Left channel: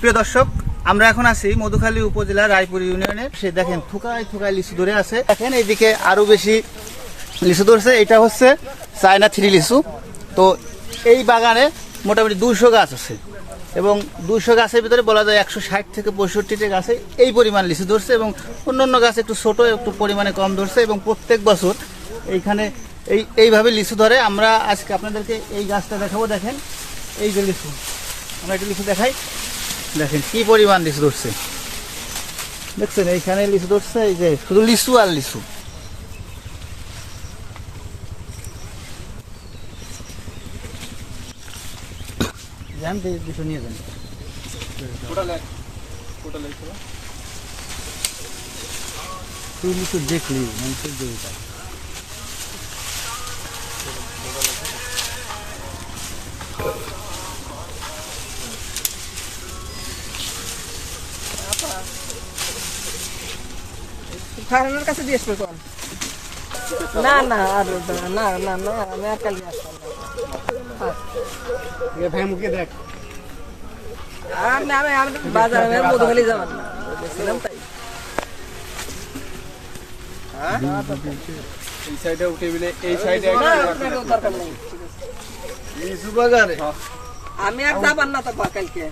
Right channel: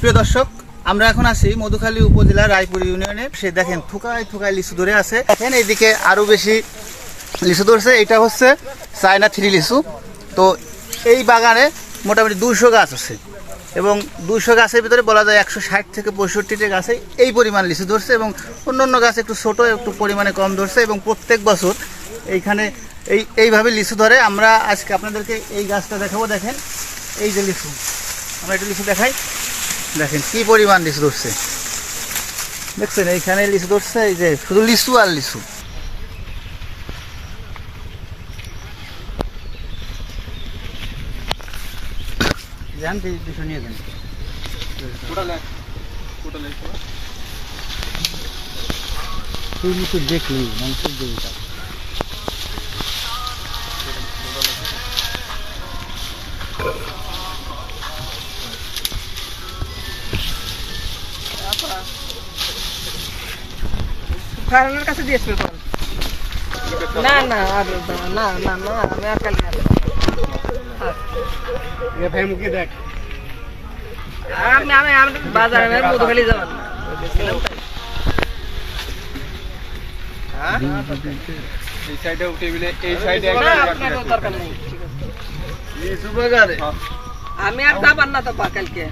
প্রিয় দর্শক, আমরা এখন আছি মধুখালী উপজেলা রায়পুর ইউনিয়নে। সে দেখেন থুকায় থুকায় লিচু ধরে আছে। দেখেন এইদিকে আরো বেশি লিচু ধরছে। এটা হচ্ছে চায়না 3 লিচু। তো এই বাগানে মোটামুটি 200 গাছ আছে এবং 200 গাছের ভিতরে বলা যায় 160 থেকে 65টি গাছে এই পরিমাণ লিচু ধরছে এবং অন্যান্য গাছ একটু ছোট, একটু পরিমাণে কম ধরছে এবং প্রত্যেক বছর এইখানে এইভাবে লিচু ধরে। আমরা আজকে আপনাদেরকে এই গাছটা দেখাবো। দেখেন এই যে লিচু, আমরা একটু লিচু দেখাই। দেখেন কি পরিমাণ লিচু ধরছে, দেখছেন এইখানে লিচু ধরছে। এই যে শুধু লিচু আর লিচু। নিয়ে যান তুই লিচু দেখলি মানুষের দেবতা। ফার্মের কাছে দিয়ে আসবে না না আর না না না আমি আর কালকে আসবো। ভাই মুখে দেখ, আমি আমি আমি বাজারে মধুখালী যাবেন বলছিলাম তাই। হ্যাঁ এই সাইডে টেবিলে এই সাইডে আপনার দরকার নেই। এই সুবাগারে আমি আর যাবেন না তো কালকে।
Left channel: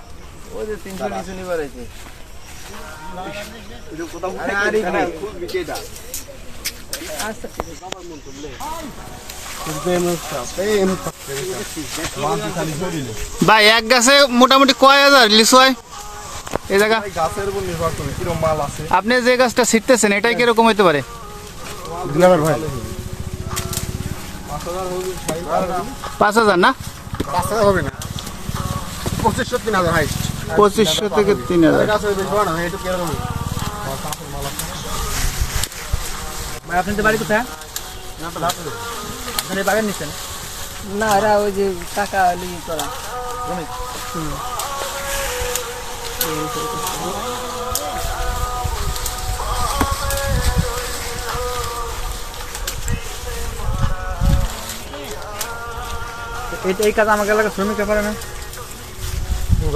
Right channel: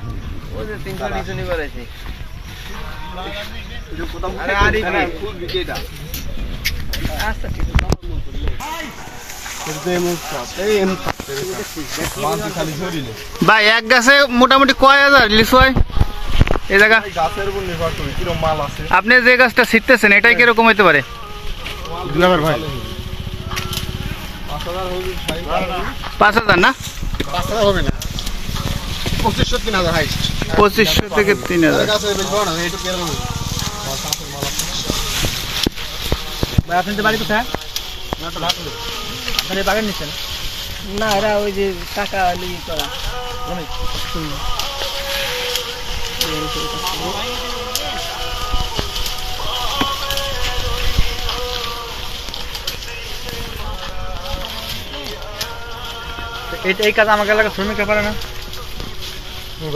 ওই যে 300 নিচে নিয়ে বলেছি ভাই। এক গাছে মোটামুটি কয় হাজার লিচু হয় এই জায়গা? গাছের উপর নির্ভর করে কিরকম মাল আছে। আপনি যে গাছটা ছিটতেছেন এটাই কিরকম হইতে পারে? 5,000 না? 5,000 হবে না, 2500-3000 হাইস্ট। 2500 থেকে 3000। আপনি তো বাড়ি কোথায়? মানে বাগান নিচ্ছেন না? ওরা ওই যে টাকা লিয়ে করা এই কাজ আমাকে এলাকা শ্রমিক পারে না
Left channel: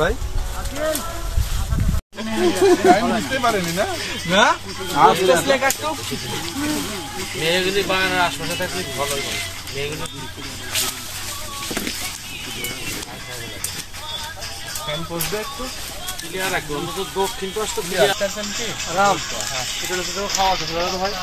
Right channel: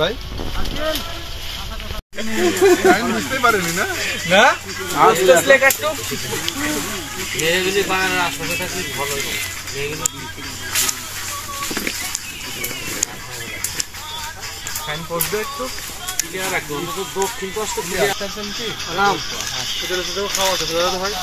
ভাই। বাগানের আশপাশে থাকলে ভালো হয়। একটু রাখবো দক্ষিণ পাশটা খাওয়া হয়।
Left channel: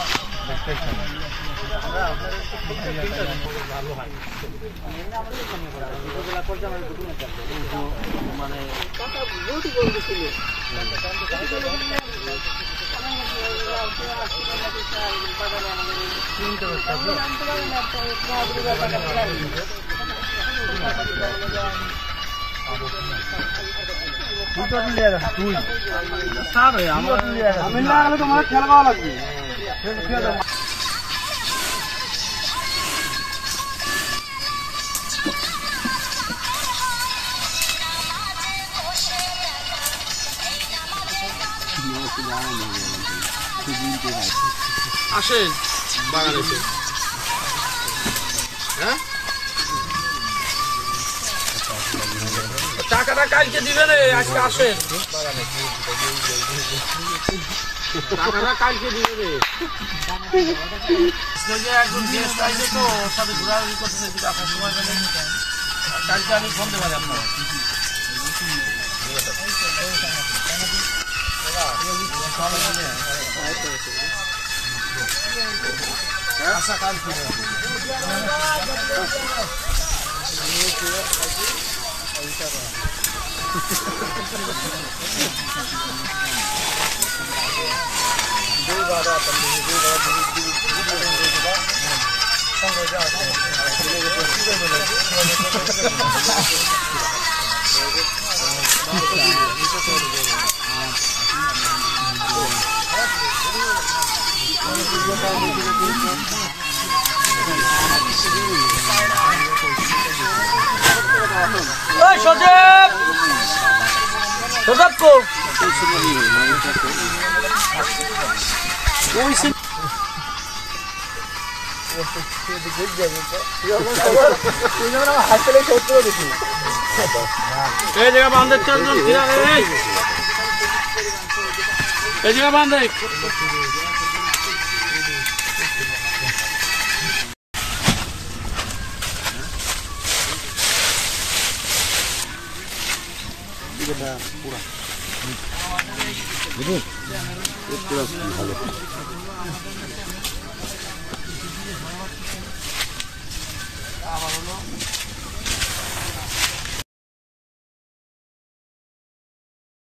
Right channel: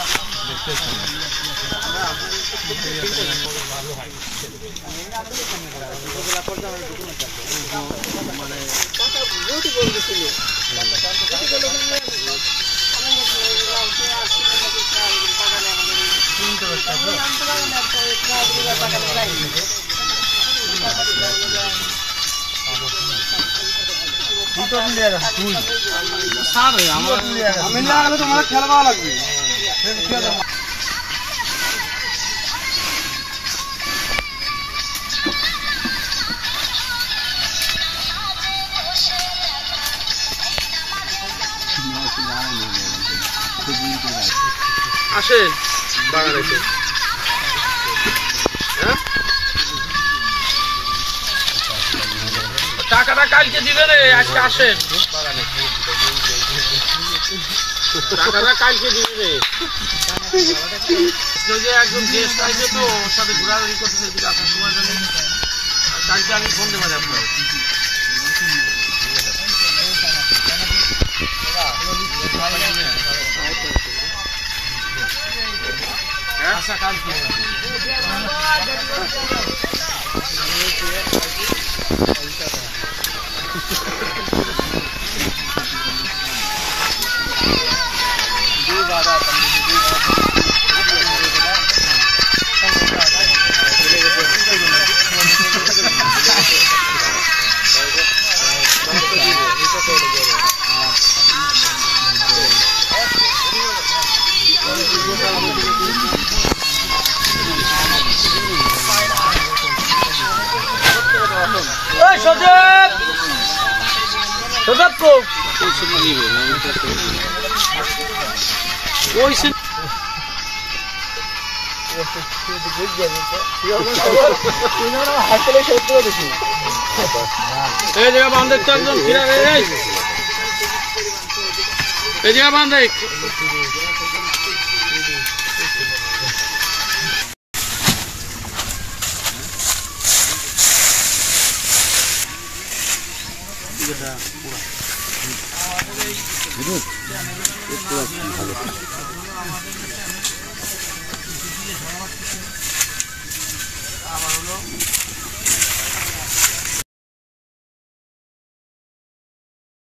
আমি না হলে তোমার খেলা লাগবে। আসেন বাগানে টাকাটা কালকে দিবে রে, আজকে আসেন বাগানে। টাকাটা কালকে দিবে রে। একজন গেস্ট আসবে তো ওর সাথে ঘোরাঘুরি করতেছে, যদি আপনার সময় পেলে কালকে আমি ফোন দেবেন আপনার। আচ্ছা কালকে এই জায়গা বান্ধে চারজন ফিরা এই জায়গা বান্ধে ভালো